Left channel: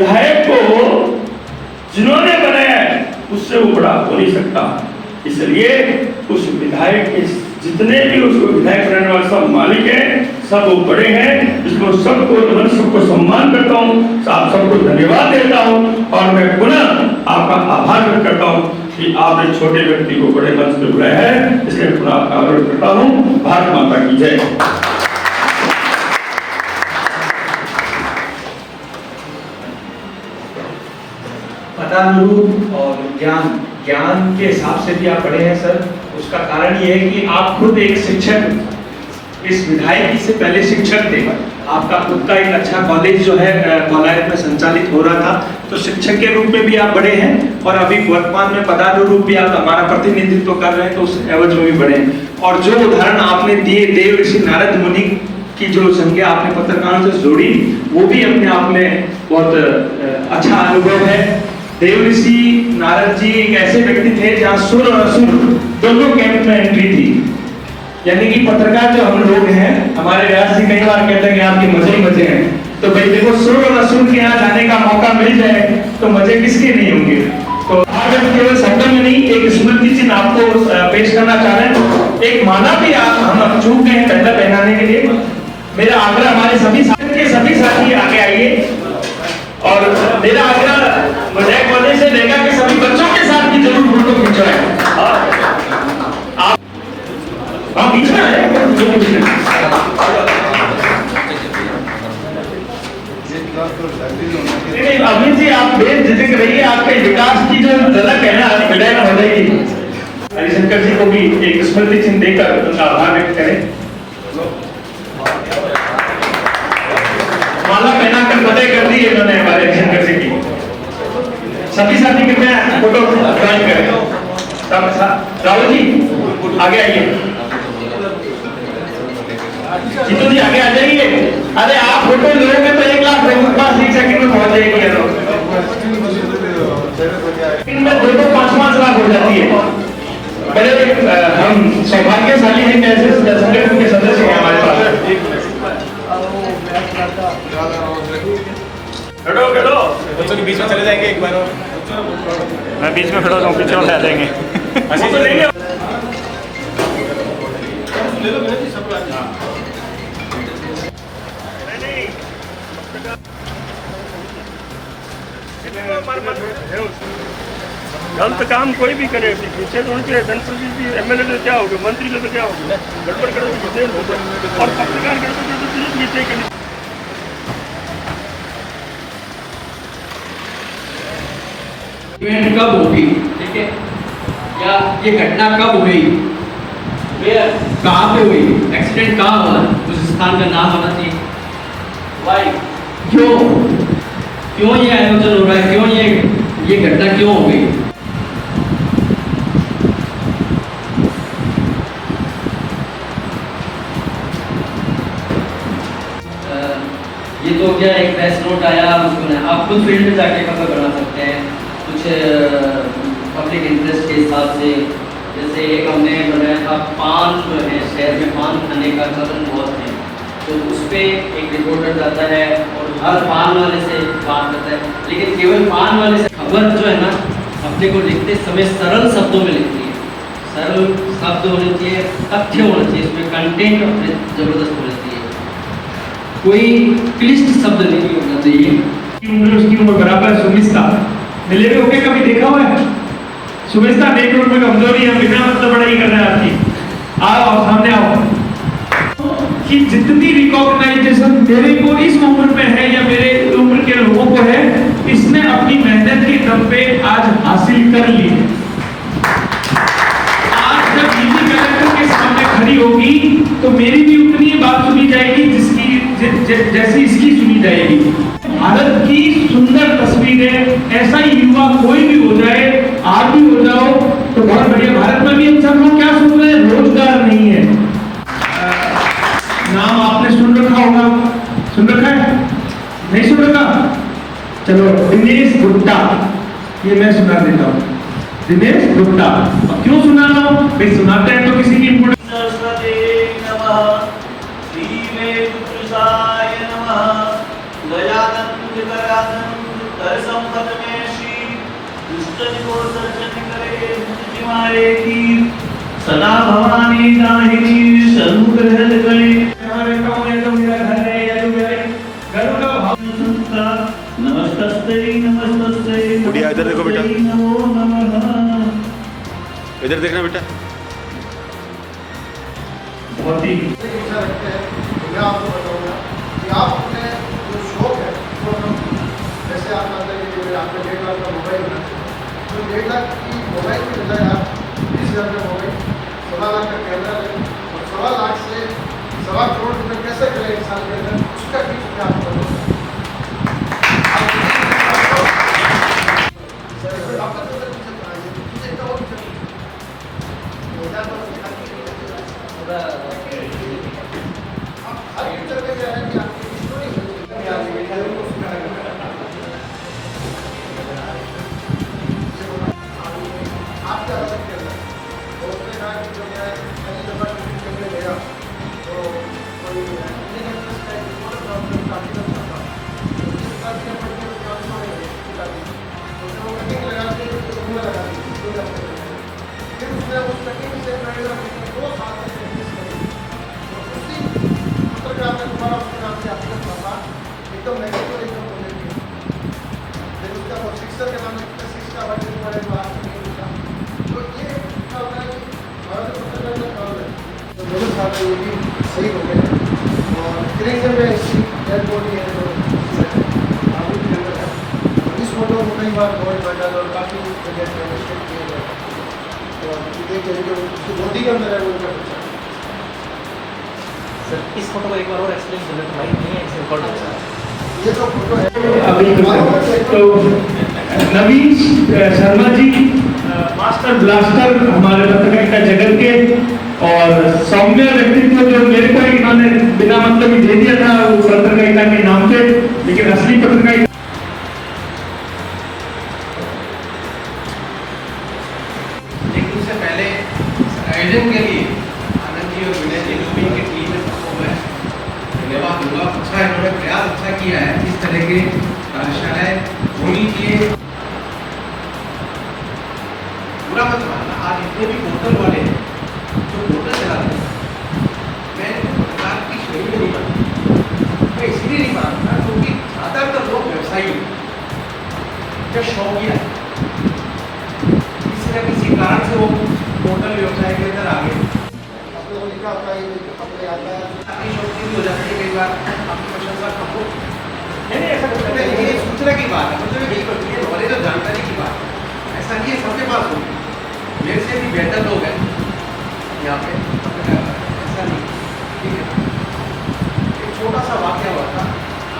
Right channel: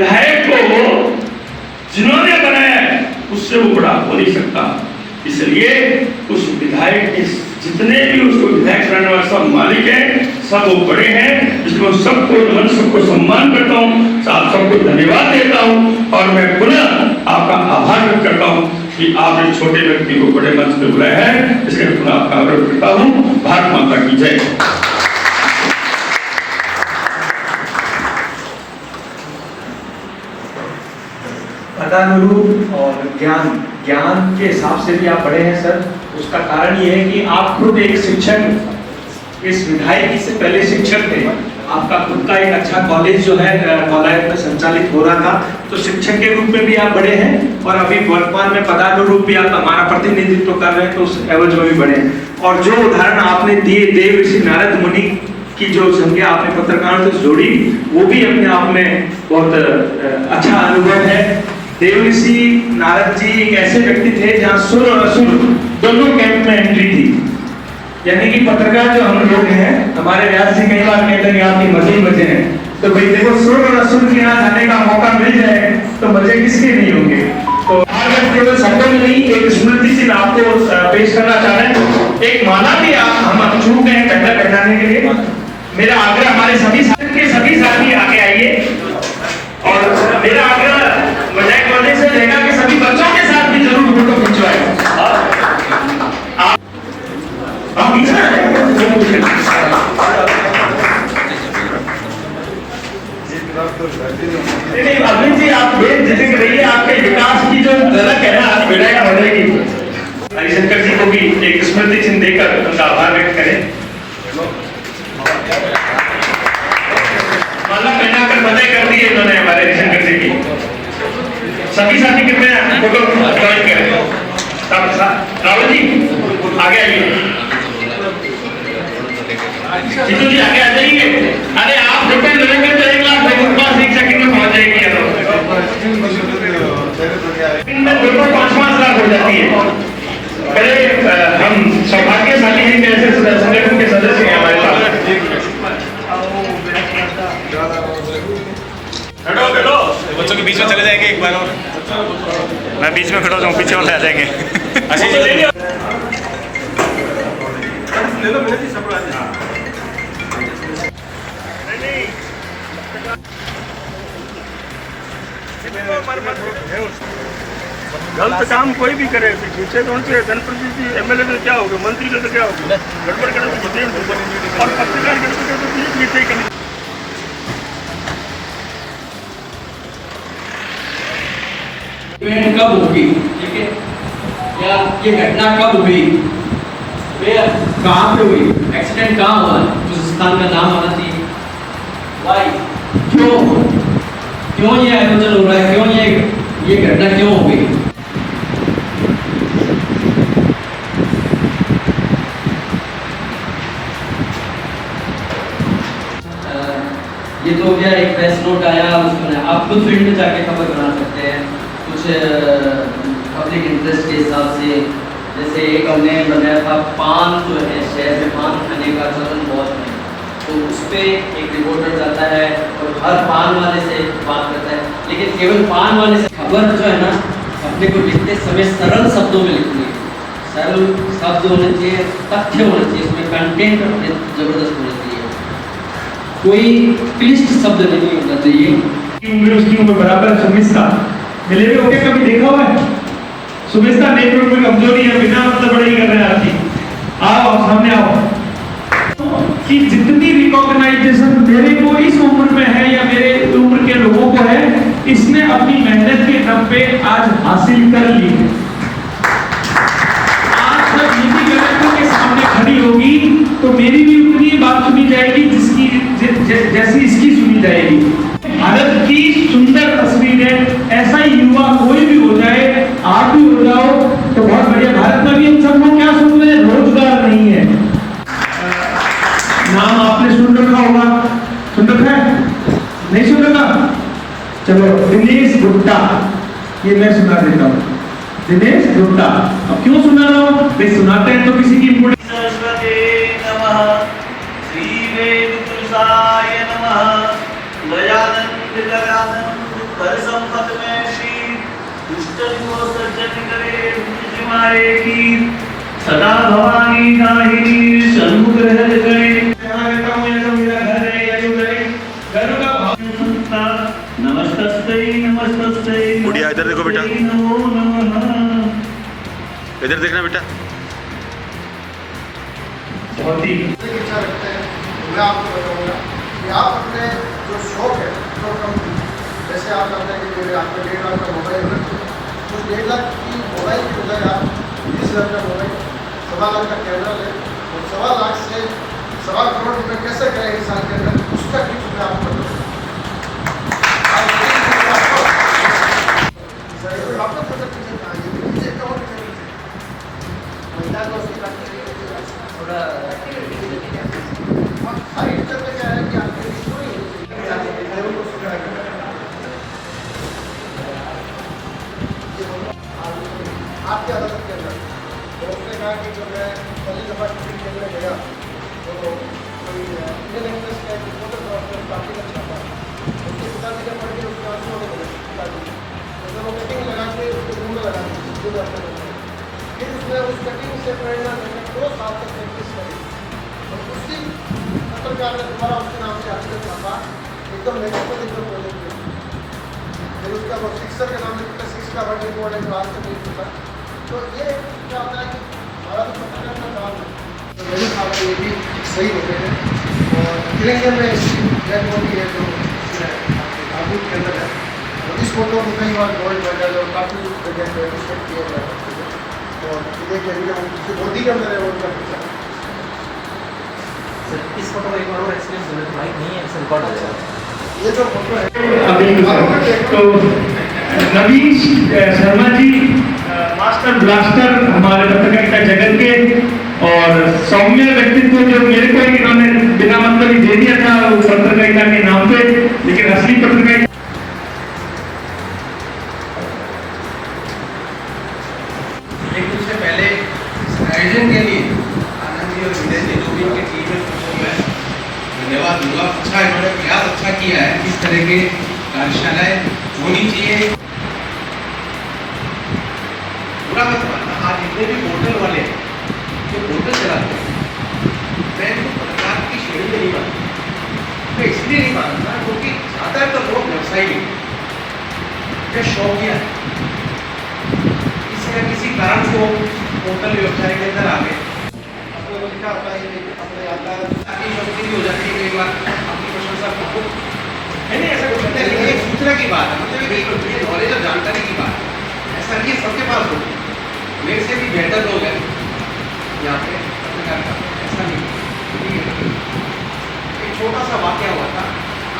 विधायक को जिन्होंने बनाया उससे वो बड़ा हो नहीं सकता। इसलिए उस विधायक के जितने भी उसको विधायक बनाने वाले सब मालिक हैं, सब वो बड़े हैं। इसमें सबको नमन, सबको सम्मान करता हूँ, आप सबको धन्यवाद देता हूँ और मैं पुनः आपका आभार व्यक्त करता हूँ कि आपने छोटे व्यक्ति को बड़े मंच पर बुलाया है। इसलिए पुनः आपका आभार व्यक्त करता हूँ। भारत माता की जय। पदानुरूप और ज्ञान के हिसाब से भी आप बड़े हैं सर। उसका कारण ये है कि आप खुद एक शिक्षक, इस विधायकी से पहले शिक्षक थे। आपका खुद का एक अच्छा कॉलेज जो है कॉलेज में संचालित हो रहा था, तो शिक्षक के रूप में भी आप बड़े हैं और अभी वर्तमान में पदानुरूप भी आप हमारा प्रतिनिधित्व कर रहे हैं, तो उस एवज में भी बड़े हैं। और जो उदाहरण आपने दिए देव ऋषि नारद मुनि की जो संज्ञा आपने पत्रकारों से जोड़ी, वो भी अपने आप में बहुत अच्छा अनुभव है। देव ऋषि नारद जी एक ऐसे व्यक्ति थे जहाँ सुर और असुर दोनों कैंप में एंट्री थी। यानी कि पत्रकार जो हम लोग हैं, हमारे व्यास जी कई बार कहते हैं कि आपके मजे ही मजे हैं। तो भाई देखो, सुर और असुर के यहाँ जाने का मौका मिल जाए तो मजे किसके नहीं होंगे। तो अगर केवल शब्द में नहीं, एक स्मृति चिन्ह आपको पेश करना चाह रहे हैं। एक माला भी हम चूक गए झंडा पहनाने के लिए। मेरा आग्रह हमारे सभी साथी आगे आइए और मेरा आग्रह विधायक महोदय से रहेगा कि सभी बच्चों के साथ भी जरूर फोटो खिंचवाएं। अभी जी आप जिक्र रहिए, आपके विकास की जो झलक है ना विधायक महोदय की, हरिशंकर जी को भी एक स्मृति चिन्ह देकर उनका आभार व्यक्त करें। माला पहनाकर बधाई कर दी है उन्होंने हमारे हरिशंकर जी की। सभी साथी कृपया फोटो ज्वाइन करें। राहुल जी आगे आइए, जीतू जी आगे आ जाइए। अरे आप फोटो लोगे तो 1 लाख लोगों के पास 1 सेकंड में पहुंच जाएगी। फोटो 5-5 लाख हो जाती है। बड़े हम सौभाग्यशाली हैं कि ऐसे संगठन के सदस्य हैं हमारे पास। बच्चों के बीच में चले जाएंगे एक बार और। मैं बीच में खड़ा हूँ, पीछे वाले आ जाएंगे। गलत काम कोई भी करे, पीछे कौन से जनप्रतिनिधि एमएलए तो क्या होगा, मंत्री तो क्या होगा, गड़बड़ करे और पत्रकार गड़बड़ इवेंट कब होगी, ठीक है, या ये घटना कब हुई, कहाँ पे हुई, एक्सीडेंट कहाँ हुआ, उस स्थान का नाम आना चाहिए। वाई, क्यों ये आयोजन हो रहा है, क्यों ये घटना क्यों हो गई। ये तो हो गया, एक प्रेस नोट आया, उसमें आप खुद फील्ड में जाके खबर बना सकते हैं कुछ पब्लिक इंटरेस्ट के हिसाब से। जैसे एक हमने बनाया था, पान जो है शहर में पान खाने का चलन बहुत है, तो उस पर एक रिपोर्टर जाता है और हर पान वाले से बात करता है, लेकिन केवल पान वाले से खबर जो है ना अपने को लिखते समय सरल शब्दों में लिखती है। सरल शब्द होने चाहिए, तथ्य होने चाहिए, इसमें कंटेंट जबरदस्त होना चाहिए, कोई क्लिष्ट शब्द नहीं होना चाहिए। उसकी उम्र बराबर है सुमिस्ता। मिले हुए होके कभी देखा हुआ है? सुमिस्ता नेतृत्व में कमजोरी है, बिना मतलब पढ़ाई कर रहे हैं आपकी। आओ सामने आओ कि जितनी रिकॉग्नाइजेशन मेरे को इस उम्र में है या मेरे उम्र के लोगों को है, इसने अपनी मेहनत के दम पे आज हासिल कर ली है। आज जब नीति कलेक्टर के सामने खड़ी होगी तो मेरी भी उतनी बात सुनी जाएगी जिसकी जैसी इसकी सुनी जाएगी। भारत की सुंदर तस्वीर है, ऐसा ही युवा कोई भी हो जाए, आप भी हो जाओ तो बहुत बढ़िया। भारत में भी हम सब लोग क्या सुन रहे हैं, रोजगार नहीं है। नाम आपने सुन रखा होगा, सुन रखा है, नहीं सुन रखा? चलो, दिनेश गुप्ता, ये मैं सुना देता हूँ। दिनेश गुप्ता, अब क्यों सुना रहा हूँ भाई, सुनाते हैं तो किसी की इम्पोर्टेंस। कर संपत में श्री दुष्ट को सज्जन करे जिमाए की सदा भवानी दाहिनी सन्मुख रहत गणे रहता हूँ ये तो मेरा घर है ये जो मेरे घर का भाव संस्था नमस्तस्ते नमस्तस्ते गुड़िया इधर देखो बेटा। नमो नमः। इधर देखना बेटा। बहुत ही इच्छा रखते हैं तो मैं आपको बताऊंगा कि आप अपने जो शौक है जो कम जैसे आप कहते हैं कि आपका 1.5 लाख का मोबाइल होना चाहिए तो 1.5 लाख की मोबाइल की बजाय आप 20,000 का मोबाइल 1.25 लाख का कैमरा लें और 1.25 लाख से 1.25 करोड़ रुपये कैसे करें एक साल के अंदर उसका टिप्स मैं आपको बताऊँगा। आपकी अदालत के अंदर तो उसने कहा कि जब मैं पहली दफ़ा टिकट कैमरे गया तो कोई इंडियन एक्सप्रेस का एक रिपोर्टर था उसने काफ़ी का छापा उसके पिताजी ने पढ़ के उसके आंसू होने लगे पिताजी उसने वो कटिंग लगा के रूम में लगा दी जो भी आपने बताया फिर उसने उस कटिंग से प्रेरणा लेकर 2 साल तक प्रैक्टिस करी तो उसी पत्रकार ने दोबारा उसके नाम से आर्टिकल छापा एकदम नेगेटिव एकदम बोलने की फिर उसका वो सिक्सर के नाम से 6 का वर्ड रिकॉर्ड है जो आज तक नहीं होता तो ये क्या होता है कि भारत में में काम है दोनों साल के भी सही हो गए हैं और तिरंगे में इसकी डेड बॉडी है जो आबू के अंदर है इस फोटो में कई बार गोल्ड मेडल और काफ़ी जगह पे रिस्पेक्ट किया गया है तो देख लीजिए वो उसकी गोदी के अंदर है वो उनका पिक्चर सर इस फोटो को एक बार और एक्सप्लेन करना भाई नहीं है इसे रिकॉर्ड हो जाएगा ये जो फोटो है अभी तो नवीन शर्मा जी मास्टर ब्लास्टर हमारे पत्रकारिता जगत के और सौम्य व्यक्तित्व जो मेरे को इन्होंने बिना मतलब ही दे दिया था वो पत्रकारिता के नाम पे लेकिन असली पत्रकारिता लेकिन उससे पहले इस आयोजन के लिए आनंद जी और विनय जी को भी इनकी टीम में सबको मैं धन्यवाद दूंगा। अच्छा इन्होंने प्रयास अच्छा किया है इस तरह के कार्यशालाएं होनी चाहिए। बुरा मत मानना आज इतने भी पोर्टल वाले जो पोर्टल चलाते हैं मैं पत्रकार की श्रेणी में नहीं मानता। मैं इसलिए नहीं मानता क्योंकि ज़्यादातर लोग व्यवसायी नहीं या शौकिया है किसी न किसी कारण से वो पोर्टल व्यवसाय के अंदर आ गए अपने को लिखा होता है कि अपने यादगार अपनी शौकी भी हो जाती है कई बार अपनी प्रशंसा करो है नहीं ऐसा कुछ नहीं ये एक सूचना की बात है मतलब ये नॉलेज और जानकारी की बात है। ऐसा नहीं है सबके पास होती मेरे से भी बेहतर लोग हैं यहाँ पे पत्रकार ऐसा नहीं ठीक है। एक छोटा सा वाक्य हुआ था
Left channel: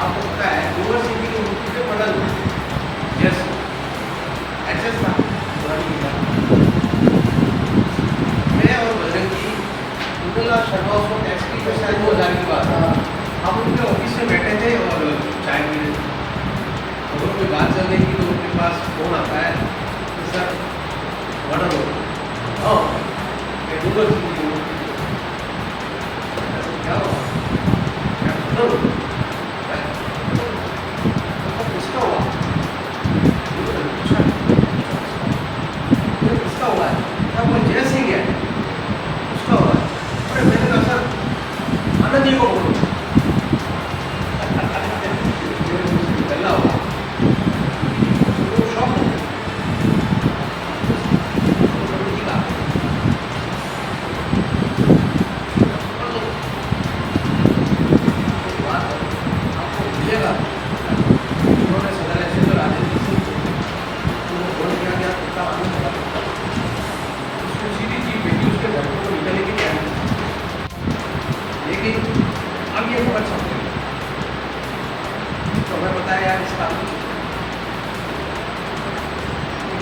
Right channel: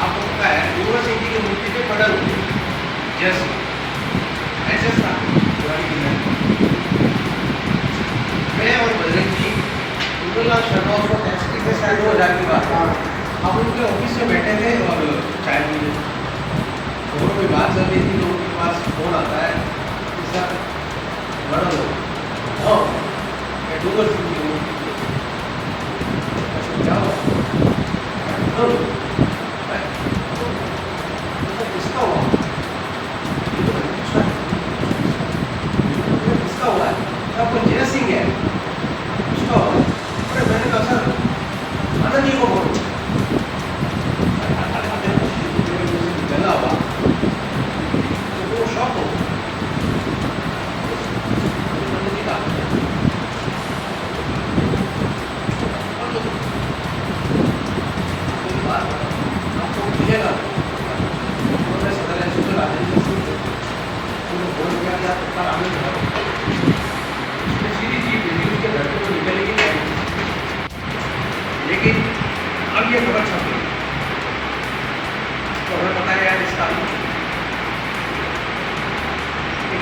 आपको पता है यूनिवर्सिटी की मूर्ति पे पढ़ा हुई जस ऐसा था पुरानी किताब मैं और बजरंग जी लाख शर्मा उसको टैक्स की शायद 2000 की बात है हम उनके ऑफिस में बैठे थे और चाय पी रहे थे तो कोई बात चल रही थी तो उनके पास फोन आता है सर बड़ा लोग हाँ मैं गूगल क्या हुआ किसका हुआ किसका हुआ है क्या कोई जय सिंह है उसका हुआ है अरे मैंने कहा सर आनंद जी को बोलो पहला हुआ तो वो शौक हो पंडित जी का बात आपको मिलेगा उन्होंने सदर ऐसे तो राजेंद्र सिंह उन्होंने फोन किया कि आप कितना आनंद करा उसने सीधी जी बेटी उसके घर को निकलने की तैयारी लेकिन अब ये खबर छप गई तो हमें पता है यार इसका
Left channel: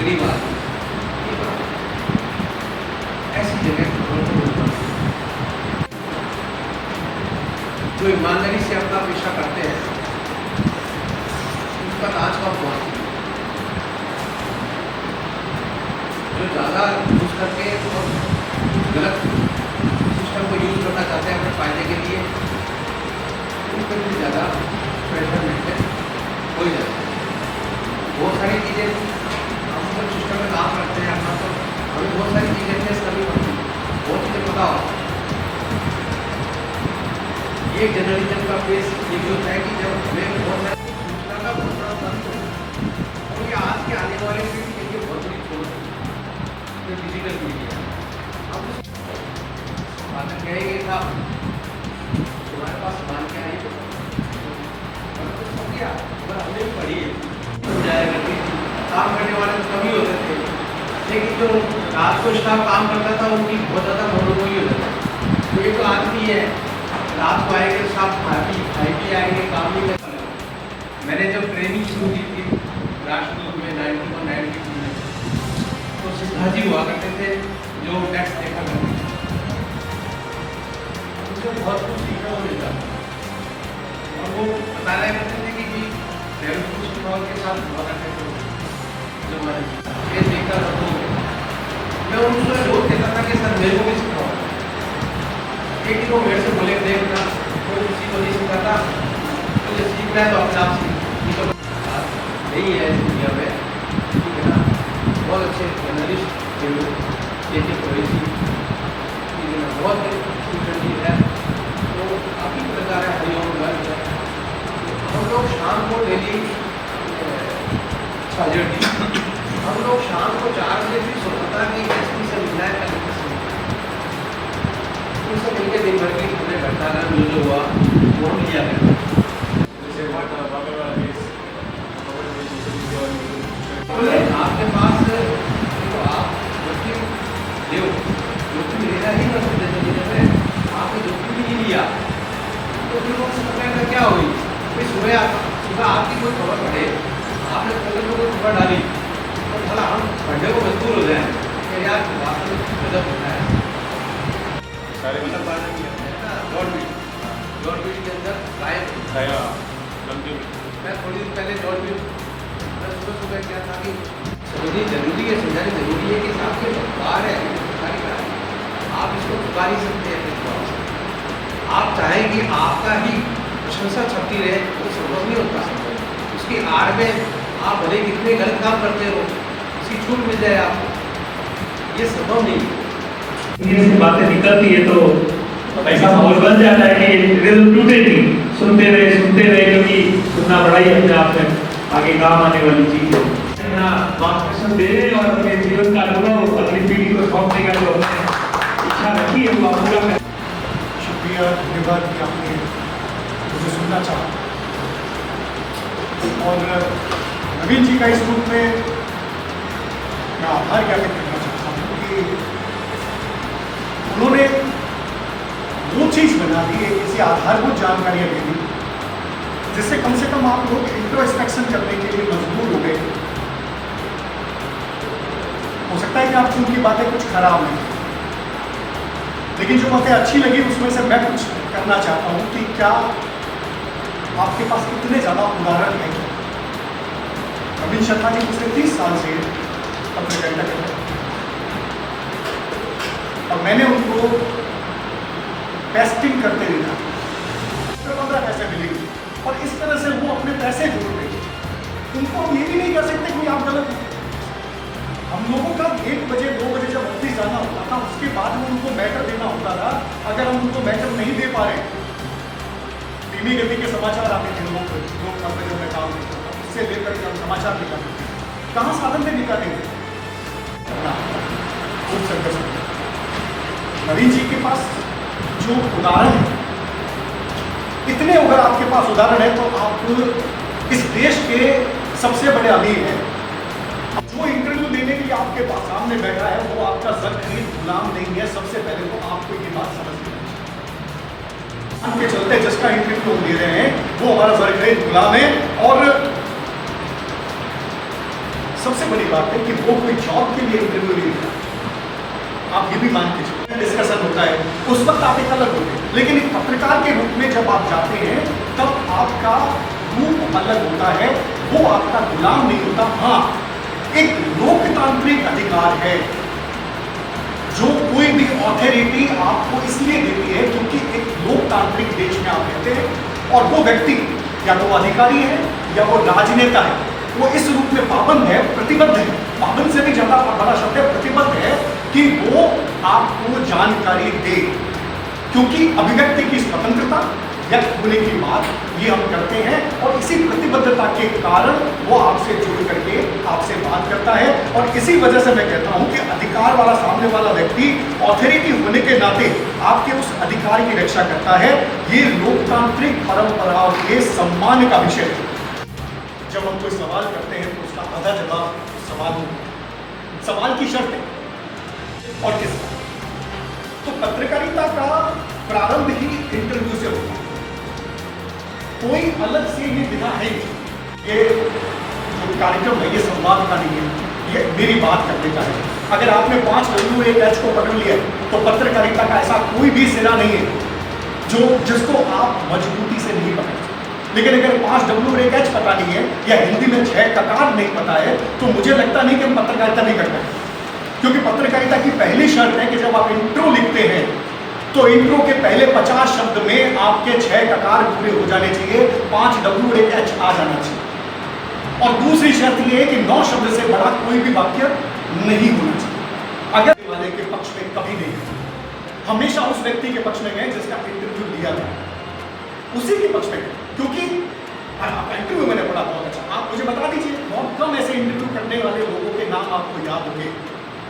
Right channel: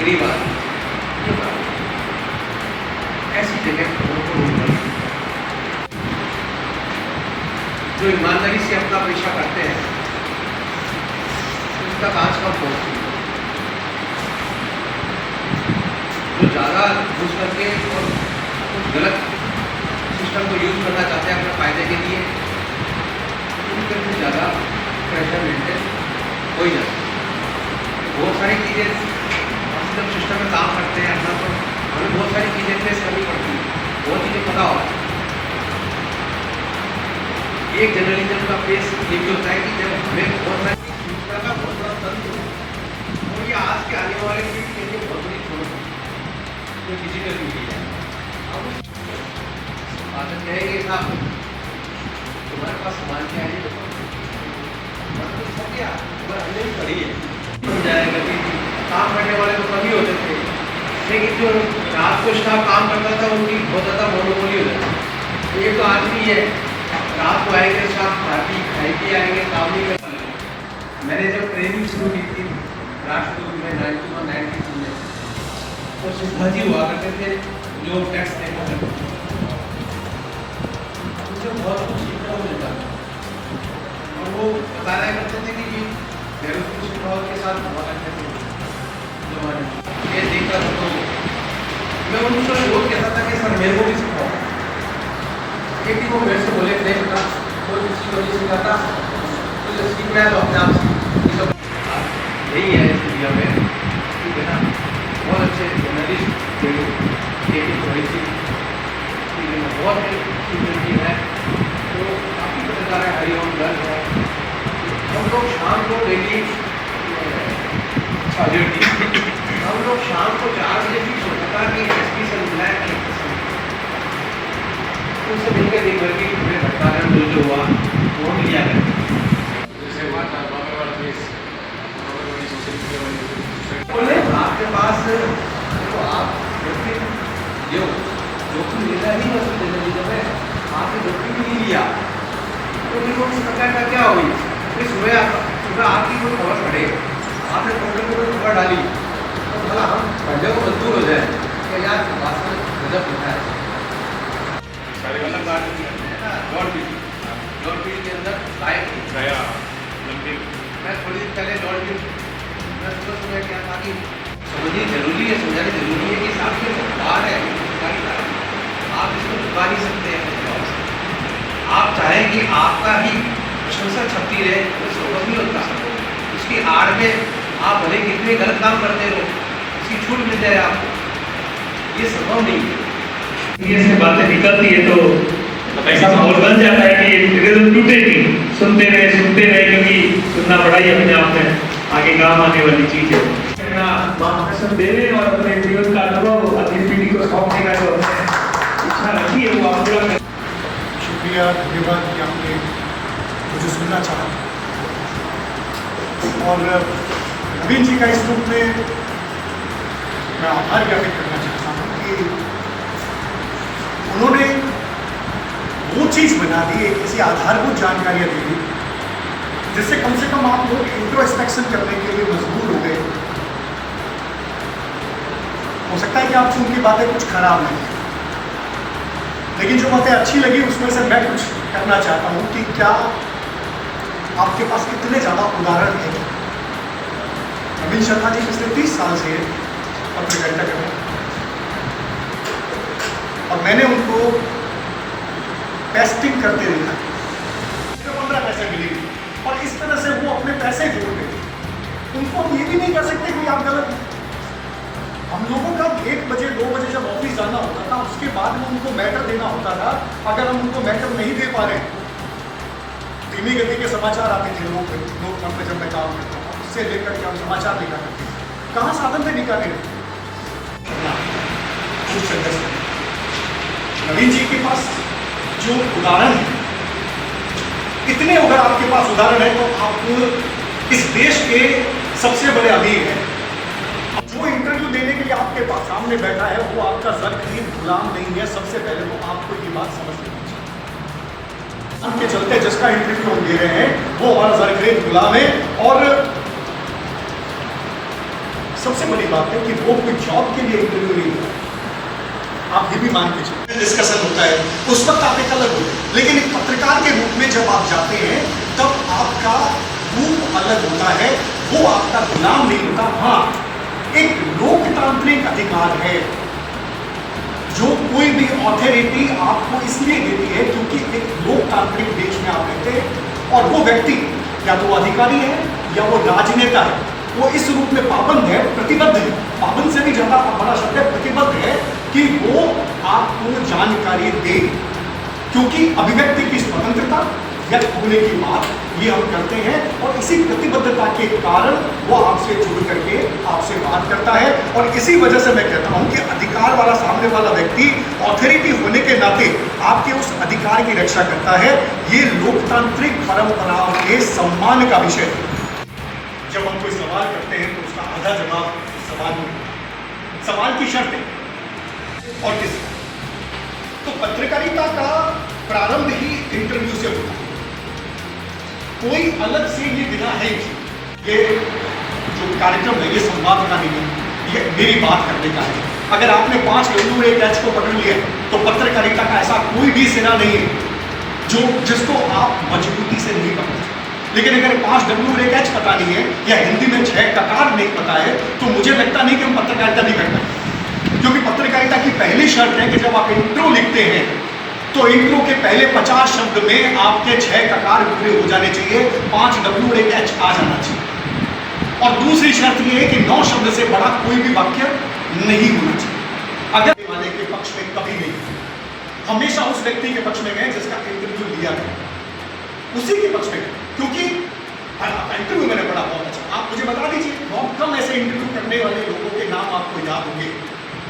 गरीब आदमी ऐसी जगह जो ईमानदारी से अपना पेशा करते हैं उसका आज कब पहुंची जो ज़्यादा यूज करके और कुछ गलत सिस्टम को यूज करना चाहते हैं अपने फायदे के लिए उन पर कुछ ज़्यादा प्रेशर मेंटेन हो ही जाता है। बहुत सारी चीज़ें हम जब सिस्टम में काम करते हैं अपना, तो हमें बहुत सारी चीज़ें फेस करनी पड़ती है, बहुत चीज़ें पता होती है। एक जर्नलिज्म का फेस ये भी होता है कि जब हमें बहुत सारी सूचना का बहुत बड़ा तंत्र है, और ये आज के आने वाले पीढ़ी के लिए बहुत बड़ी चोट है, जो डिजिटल मीडिया है। अब बात कहेंगे साहब तुम्हारे पास सामान क्या है, तो सब क्या हमने भी पढ़ी है, जाएगा कि काम करने वाले तो कम ही होते थे, लेकिन जो रात को स्टाफ काम करता था उनकी बहुत ज़्यादा मोनोपोली हो जाती है। तो ये तो आज भी है, रात को आएंगे स्टाफ खाई पी आएंगे, काम नहीं कर। मैंने जब ट्रेनिंग शुरू की थी राष्ट्रदूत में 91-92 में, तो सिद्धा जी हुआ करते थे जो टेक्स्ट देखा करते थे, उनसे बहुत कुछ सीखना हो जाता था। और वो बता रहा करते थे कि बेरोजगार के साथ हुआ करते थे जो हमारे ये देखता था, तो मैं उनसे बहुत कहता था कि सर मेरे को भी सिखाओ। एक दिन वो मेरे से बोले देखना कोई किसी को नहीं सिखाता, तो जब सीख रहा है तो अपने आप सीख। यही है इस दुनिया में, ठीक है ना, बहुत अच्छे जर्नलिस्ट एक थोड़ी सी ठीक है ना, बहुत अच्छी है। तो काफ़ी पत्रकार है, हरिओम गर्ग है, हम लोग शाम को डेली हम लोग शाम को 4 बजे भी सोचता कि एसपी से मिलना है, कलेक्टर से उनसे मिलकर दिन भर की पूरे घटनाक्रम जो हुआ वो हम लिया करते। बोले आपके पास देखो आप जोखिम लेना ही नहीं सकते, जब आपने जोखिम भी नहीं लिया तो फिर वो सरकार का क्या हुई। फिर सुबह आपकी कोई खबर पड़े, आपने पोर्टल में कोई खबर डाली, तो भला हम बंदे को मजबूर हो जाए कि यार वास्तव में गजब होता है। मतलब बात नहीं है लॉर्ड बिल के अंदर गायब गया। मैं थोड़ी देर पहले लॉर्ड बिल मैं सुबह क्या था कि समझनी जरूरी है, समझानी जरूरी है कि साहब ये अखबार है, सरकारी का है, आप इसको चुका नहीं सकते अपने जवाब से। आप चाहें कि आपका ही प्रशंसा छपती रहे तो संभव नहीं होता। उसकी आड़ में आप भले कितने गलत काम करते हो, उसकी छूट मिल जाए आपको, ये संभव नहीं है। ये से बातें निकलती है तो ऐसा माहौल बन जाता है कि रिदम टूटेगी, सुनते रहे क्योंकि सुनना पड़ा ही अपने आप में आगे काम आने वाली चीज है। मार्गदर्शन देने और अपने जीवन का अनुभव अगली पीढ़ी को सौंपने का जो इच्छा रखी है वो आप पूरा करें। शुक्रिया, धन्यवाद कि आपने मुझे सुनना चाहा। और नवीन जी का इस रूप में मैं आभार ज्ञापित करना चाहता हूँ कि उन्होंने वो चीज़ बना दी, एक ऐसी आधारभूत जानकारियाँ दे दी जिससे कम से कम आप लोग इंट्रोस्पेक्शन करने के लिए मजबूर हो गए। हो सकता है कि आपको उनकी बातें कुछ खराब लगी, लेकिन जो बातें अच्छी लगी उसमें से मैं कुछ करना चाहता हूँ कि क्या आपके पास इतने ज़्यादा उदाहरण हैं। नवीन शर्मा जी पिछले 30 साल से पत्रकारिता कर रहे हैं और मैंने उनको पेस्टिंग करते देखा, 15 पैसे मिलेंगे और इस तरह से वो अपने पैसे जोड़ देंगे। उनको हम ये भी नहीं कर सकते कि आप गलत हैं। हम लोगों का 1 बजे 2 बजे जब ऑफिस जाना होता था, उसके बाद में उनको मैटर देना होता था। अगर हम उनको मैटर नहीं दे पा रहे, धीमी गति के समाचार आते थे लोकतंत्र में जब मैं काम करता था, उससे लेकर के हम समाचार लिखा करते थे। कहाँ साधन से निकाले खूब संघर्ष। नवीन जी के पास जो उदाहरण है, इतने अगर आपके पास उदाहरण है तो आप इस देश के सबसे बड़े अमीर हैं। जो इंटरव्यू देने के लिए आपके पास सामने बैठा है वो आपका ज़र-ख़रीद गुलाम नहीं है। सबसे पहले तो आपको ये बात समझ लेनी चाहिए। उनके चलते जिसका इंटरव्यू हम दे रहे हैं वो हमारा ज़र-ख़रीद गुलाम है। और सबसे बड़ी बात है कि वो कोई जॉब के लिए इंटरव्यू नहीं दे रहा। आप ये भी मान के चलिए, डिस्कशन होता है उस वक्त आप एक अलग होते हैं, लेकिन एक पत्रकार के रूप में जब आप जाते हैं तब आपका रूप अलग होता है। वो आपका गुलाम नहीं होता। हाँ, एक लोकतांत्रिक अधिकार है जो कोई भी अथॉरिटी आपको इसलिए देती है क्योंकि एक लोकतांत्रिक देश में आप रहते हैं और वो व्यक्ति या तो अधिकारी है या वो राजनेता है, वो इस रूप में पाबंद है, प्रतिबद्ध है, पाबंद से भी ज़्यादा बड़ा शब्द है, प्रतिबद्ध है कि वो आपको जानकारी दे, क्योंकि अभिव्यक्ति की स्वतंत्रता, व्यक्त होने की बात ये हम करते हैं और इसी प्रतिबद्धता के कारण वो आपसे जुड़ करके आपसे बात करता है। और इसी वजह से मैं कहता हूं कि अधिकार वाला सामने वाला व्यक्ति ऑथोरिटी होने के नाते आपके उस अधिकार की रक्षा करता है। ये लोकतांत्रिक परंपराओं के सम्मान का विषय है। जब हम कोई सवाल करते हैं तो उसका आधा जवाब सवाल की शर्त है और किसका। तो पत्रकारिता का प्रारंभ ही इंटरव्यू से होता है, कोई अलग से ये बिना है कि ये जो कार्यक्रम है ये संवाद का नहीं है, ये मेरी बात करने का है। अगर आपने 5 WH को पकड़ लिया तो पत्रकारिता का ऐसा कोई भी सिरा नहीं है जिसको आप मजबूती से नहीं पकड़ सकते। लेकिन अगर 5 WH पता नहीं है या हिंदी में 6 ककार नहीं पता है तो मुझे लगता नहीं कि हम पत्रकारिता नहीं कर पाएंगे, क्योंकि पत्रकारिता की पहली शर्त है कि जब आप इंट्रो लिखते हैं तो इंट्रो के पहले 50 शब्द में आपके 6 ककार पूरे हो जाने चाहिए, 5 WH आ जाना चाहिए। और दूसरी शर्त यह है कि 9 शब्द से बड़ा कोई भी वाक्य नहीं होना चाहिए। अगर वाले के पक्ष में कभी नहीं गए, हमेशा उस व्यक्ति के पक्ष में गए जिसका इंटरव्यू लिया गया, उसी के पक्ष में गए। क्योंकि इंटरव्यू मैंने पढ़ा बहुत अच्छा, आप मुझे बता दीजिए बहुत कम ऐसे इंटरव्यू करने वाले लोगों के नाम आपको याद होंगे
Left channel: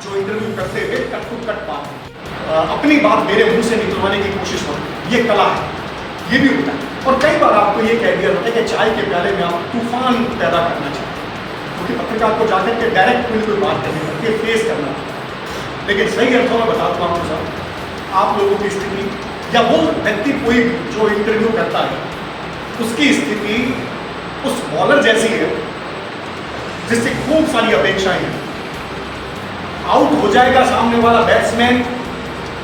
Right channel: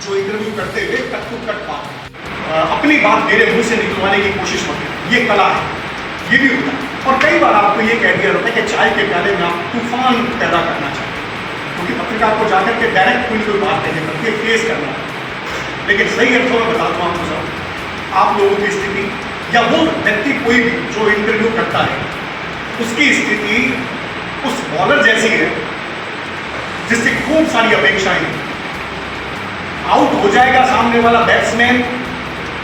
जो इंटरव्यू करते हुए कट टू कट बात अपनी बात मेरे मुंह से निकलवाने की कोशिश होती है। ये कला है, ये भी होता है। और कई बार आपको ये कह दिया जाता है कि चाय के प्याले में आप तूफान पैदा करना चाहते हैं, क्योंकि पत्रकार को जाकर के डायरेक्ट कोई बात नहीं करती, फेस करना है। लेकिन सही अर्थों में बता दूँ आपको सब, आप लोगों की स्थिति या वो व्यक्ति कोई भी जो इंटरव्यू करता है उसकी स्थिति उस बॉलर जैसी है जिससे खूब सारी अपेक्षाएं हैं। आउट हो जाएगा सामने वाला बैट्समैन,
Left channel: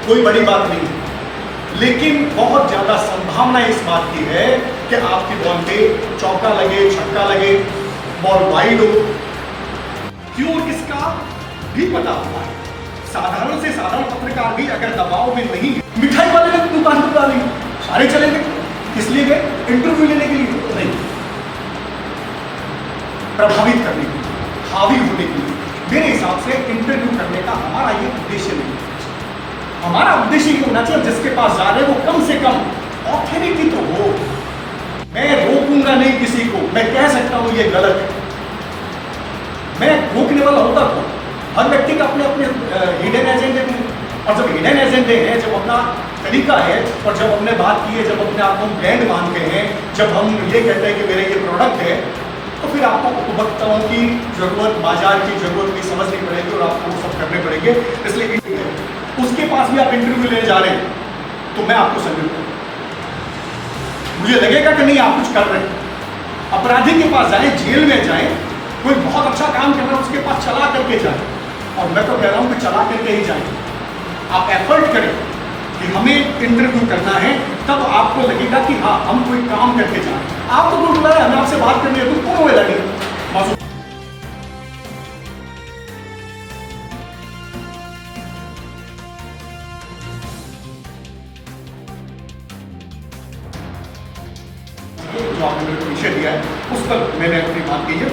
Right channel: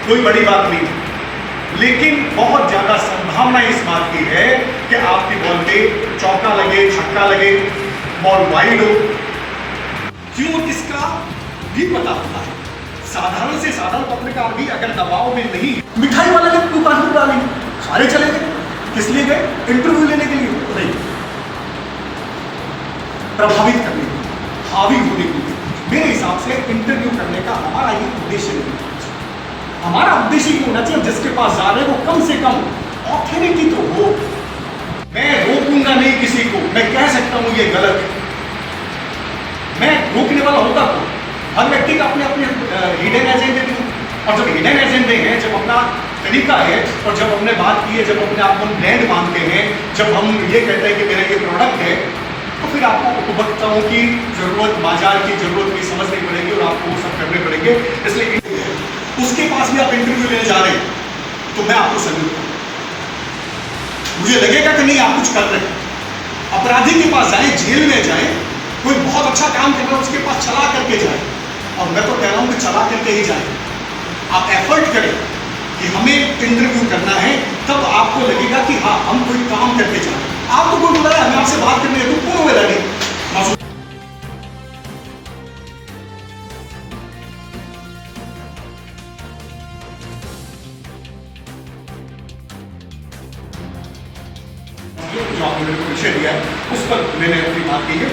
कोई बड़ी बात नहीं है, लेकिन बहुत ज्यादा संभावना इस बात की है कि आपकी बॉल पे चौका लगे, छक्का लगे, बॉल वाइड हो। क्यों, इसका भी पता होता है। साधारण से साधारण पत्रकार भी अगर दबाव में नहीं, मिठाई वाले ने दुकान पर डाली, सारे चले गए, किस लिए गए? इंटरव्यू लेने के लिए नहीं, प्रभावित करने के लिए, हावी होने के लिए। मेरे हिसाब से इंटरव्यू करने का हमारा ये उद्देश्य नहीं है। हमारा उद्देश्य ये होना चाहिए जिसके पास जा रहे हैं वो कम से कम ऑथोरिटी तो हो। मैं रोकूंगा नहीं किसी को, मैं कह सकता हूं ये गलत है, मैं रोकने वाला होता तो हर व्यक्ति का अपने अपने हिडन एजेंडे भी, और जब हिडन एजेंडे हैं, जब अपना तरीका है और जब हमने बात की है, जब अपने आप को ब्रांड मानते हैं, जब हम ये कहते हैं कि मेरा ये प्रोडक्ट है, तो फिर आपको उपभोक्ताओं की जरूरत, बाजार की जरूरत की समझनी पड़ेगी और आपको वो सब करने पड़ेंगे। इसलिए उसके पास भी आप इंटरव्यू लेने जा रहे हैं तो मैं आपको सल्यूट करूं। मुझे लगेगा कि नहीं आप कुछ कर रहे हैं। अपराधी के पास जाएं, जेल में जाएं, कोई बहुत अच्छा काम कर रहा है उसके पास चला करके जाएं, और मैं तो कह रहा हूं कि चला करके ही जाएं। आप एफर्ट करें कि हमें इंटरव्यू करना है, तब आपको लगेगा कि हाँ हम कोई काम करके जा रहे हैं। आपको कोई बुलाया, हमें आपसे बात करनी है, तो कौन हुए लगे मौजूद। जो आपने मेरे को विषय दिया है उस पर मैंने अपनी बात की है।